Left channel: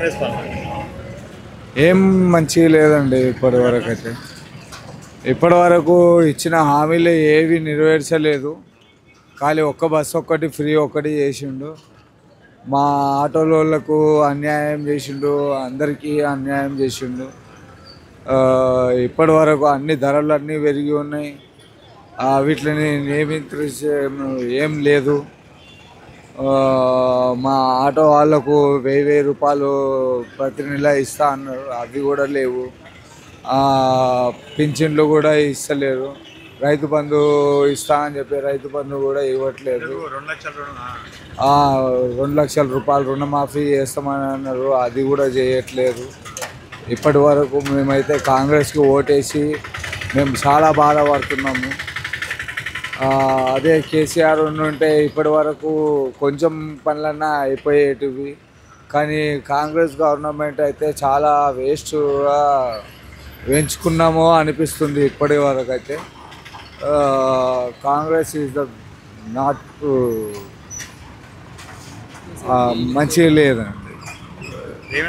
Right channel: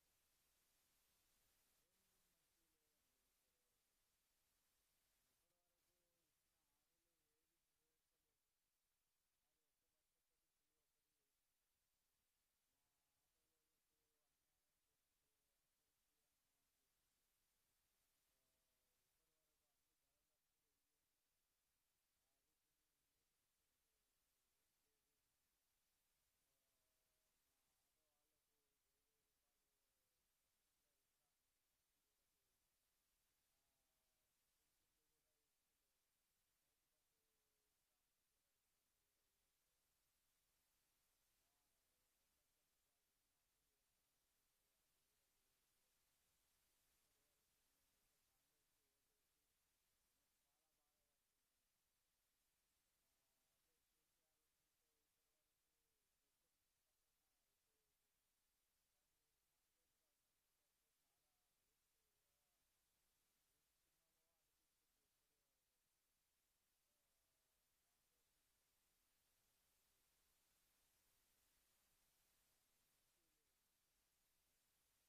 కాంగ్రెస్ పాలన ఏం మంచిగా లేదండి. ఇప్పటి వరకు ఇచ్చిన హామీలు ఏవి నెరవేర్చలేదు. ఖాళీ ఒక్క బస్సు ఒక్కటి ఫ్రీ ఒక్కటి చేసిండు. మా ఆటోలకు అన్యాయం చేసిండు, అందరికీ అన్యాయం చేసిండు. ఇప్పటి వరకు అన్ని ధరలు అన్నీ పెరిగి ఉన్నాయి. వీటిని నియమించే ఏం లేదు. మా ఆటో వాళ్ళకు 1000 రూపాయలు ప్రతి నెల ఇస్తా అన్నారు, అవి కూడా లేవు. పింఛన్లు కూడా ఇస్తలేరు. రైతు బంధు ఇస్తా అని చెప్పి రైతు బంధు కూడా ఇవ్వట్లేదు. 2 లక్షల రూపాయలు రుణమాఫీ చేస్తామని అన్నారు, అది కూడా చేయట్లేదు. ఇప్పటి వరకు మేమైతే కాంగ్రెస్కి ఓటేసి మేము చాలా బాధపడుతున్నాము. అదే కేసీఆర్ ఉంటే ఇప్పటి వరకు కొంచెం పనులన్నా అయిపోయేటివి. కానీ కాంగ్రెస్ గవర్నమెంట్ అయితే చాలా వేస్ట్గా వేయించుకున్నామో అనిపిస్తుంది ఇప్పటి వరకు అయితే. కాంగ్రెస్ ఈజ్ ద నాట్ మంచిగా లేదండి.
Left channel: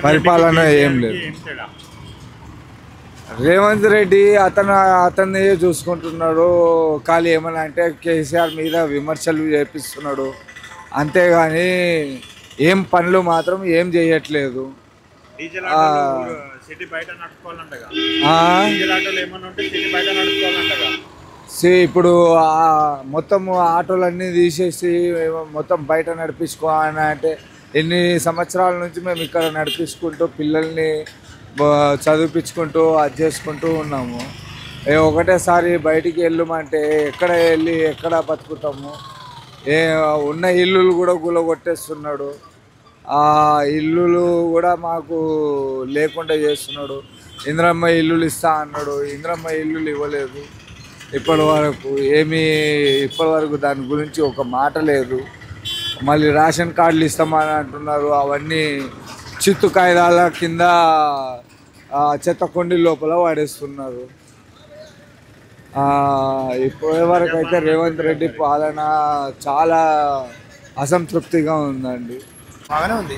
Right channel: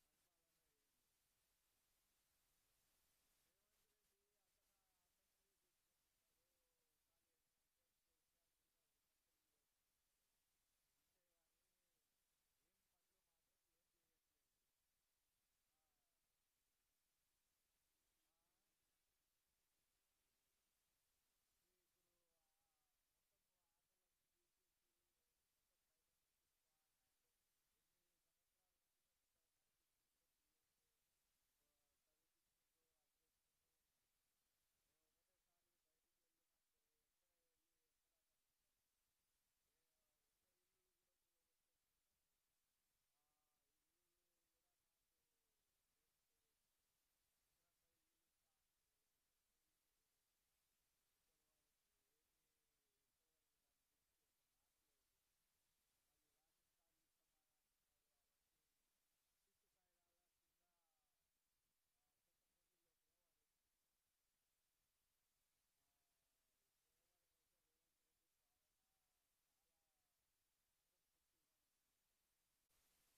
పరిపాలన ఏం లేదు. రేవంత్ రెడ్డి అతన్ని చూసుకుంటున్నాడు. ఖాళీ ఏమన్నా అంటే కేసీఆర్ మీద విమర్శలు చేపిస్తున్నాడు, అంతేగాని ఏం పనులు మాత్రం ఏం చేయట్లేదు. ఇప్పుడు మొత్తం ఆటోలన్నీ తీసేసి మొత్తం బయట నడిపించుకోవాలని అంటే ఎన్ని సంవత్సరాల నుంచి మేము ఇక్కడ నడిపించుకుంటూ పిల్లల్ని చదివించుకుంటూ అది చేసుకుంటూ ఉన్నాము. ఒకటేసారి బయటికి వెళ్ళమంటే ఎక్కడ బతుకుతాము? ఉన్న ఇల్లులు కూడా గులగొట్టేస్తున్నాడు. ఆ ఇల్లులు కూడా మాకు లేకుండా చేస్తున్నాడు. ఇందిరమ్మ ఇల్లులు ఇస్తా అన్నాడు, ఇందిరమ్మ ఇల్లులు ఇవ్వలేదు ఇప్పటి వరకు దాని గురించి ఒక మాట లేదు. మళ్ళీ రేషన్ కార్డులు ఇస్తామని అంటున్నారు, అవన్నీ చిత్తు కాగితాల కింద చెత్త కొండి లోపల వాడేస్తున్నారు. ఇప్పటి వరకు అయితే రేవంత్ రెడ్డి పాలన చాలా అసంతృప్తిగా ఉందండి. బాగానే ఉంది.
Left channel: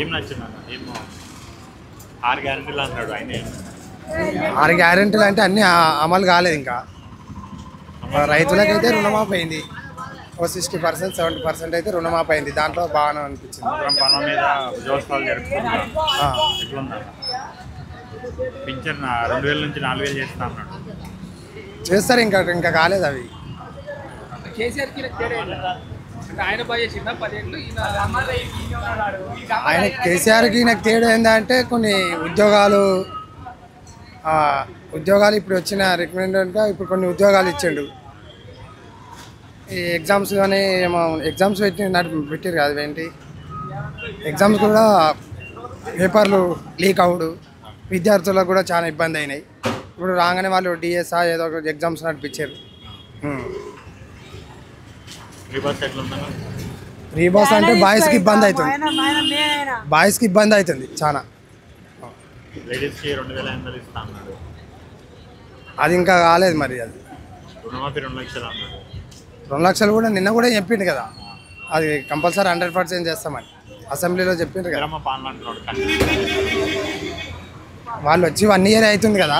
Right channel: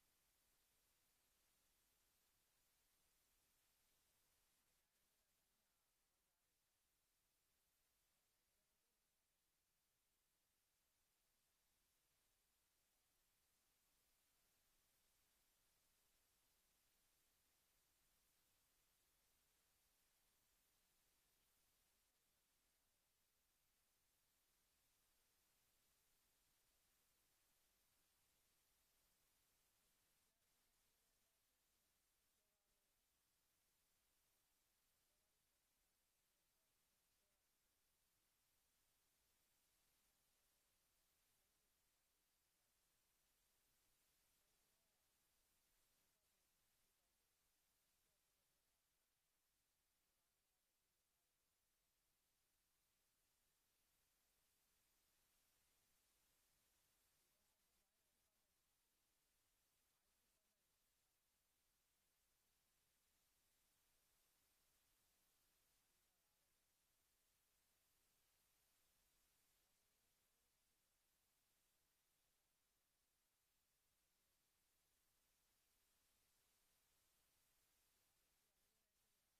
ఏం నచ్చింది? 6 గ్యారెంటీలు అన్నాడు ఆయన. 6 గ్యారెంటీలు అంటే అన్నీ అమలు కాలేదు. ఇంకా రైతులకైతే రుణమాఫీ అయింది. 60%, 70% అయితే రుణమాఫీ అయింది. దాంట్లో బాగానే అనిపించింది. పనుల మీద ఉద్యోగస్తులు జరుపుతున్నారు. పింఛన్ 2000 నుంచి 4000 చేస్తా అన్నాడు. చేస్తారు. ఇంకా కాలేదు అవి. ఆయన కేసీఆర్కి నాకు తేడా ఏంటంటే కొన్ని ఉద్యోగాలు ఇప్పుడు వచ్చిన రికమెండెడ్గా ఇప్పుడు కొన్ని ఉద్యోగాలు ఇచ్చిండు. ఈ ఎగ్జామ్స్ కానీ ఏమో ఎగ్జామ్స్ పెట్టారు కదా, ఏంటి ఎగ్జామ్స్ కూడా పేపర్లు లీక్ అవుడు, విద్యార్థులకు కూడా చాలా ఇబ్బంది అయినాయి. ఇప్పుడు రాగానే వాళ్ళు డిఎస్ఆ ఏదో ఒక ఎగ్జామ్స్ నడిపించారు. రీబాస్ అంటే బాయ్స్కి ఇబ్బంది అవుతుంది చాలా. అది ఇంకా కాలేదు మరి. అది 2 లక్షలు కూడా నిన్న కూడా చెప్పిండు కదా, అది కంపల్సరీ 100% చేస్తామని అసెంబ్లీలో చెప్పిండ్రు కదా. వాళ్ళు వచ్చి 1 year అవుతుంది కదా.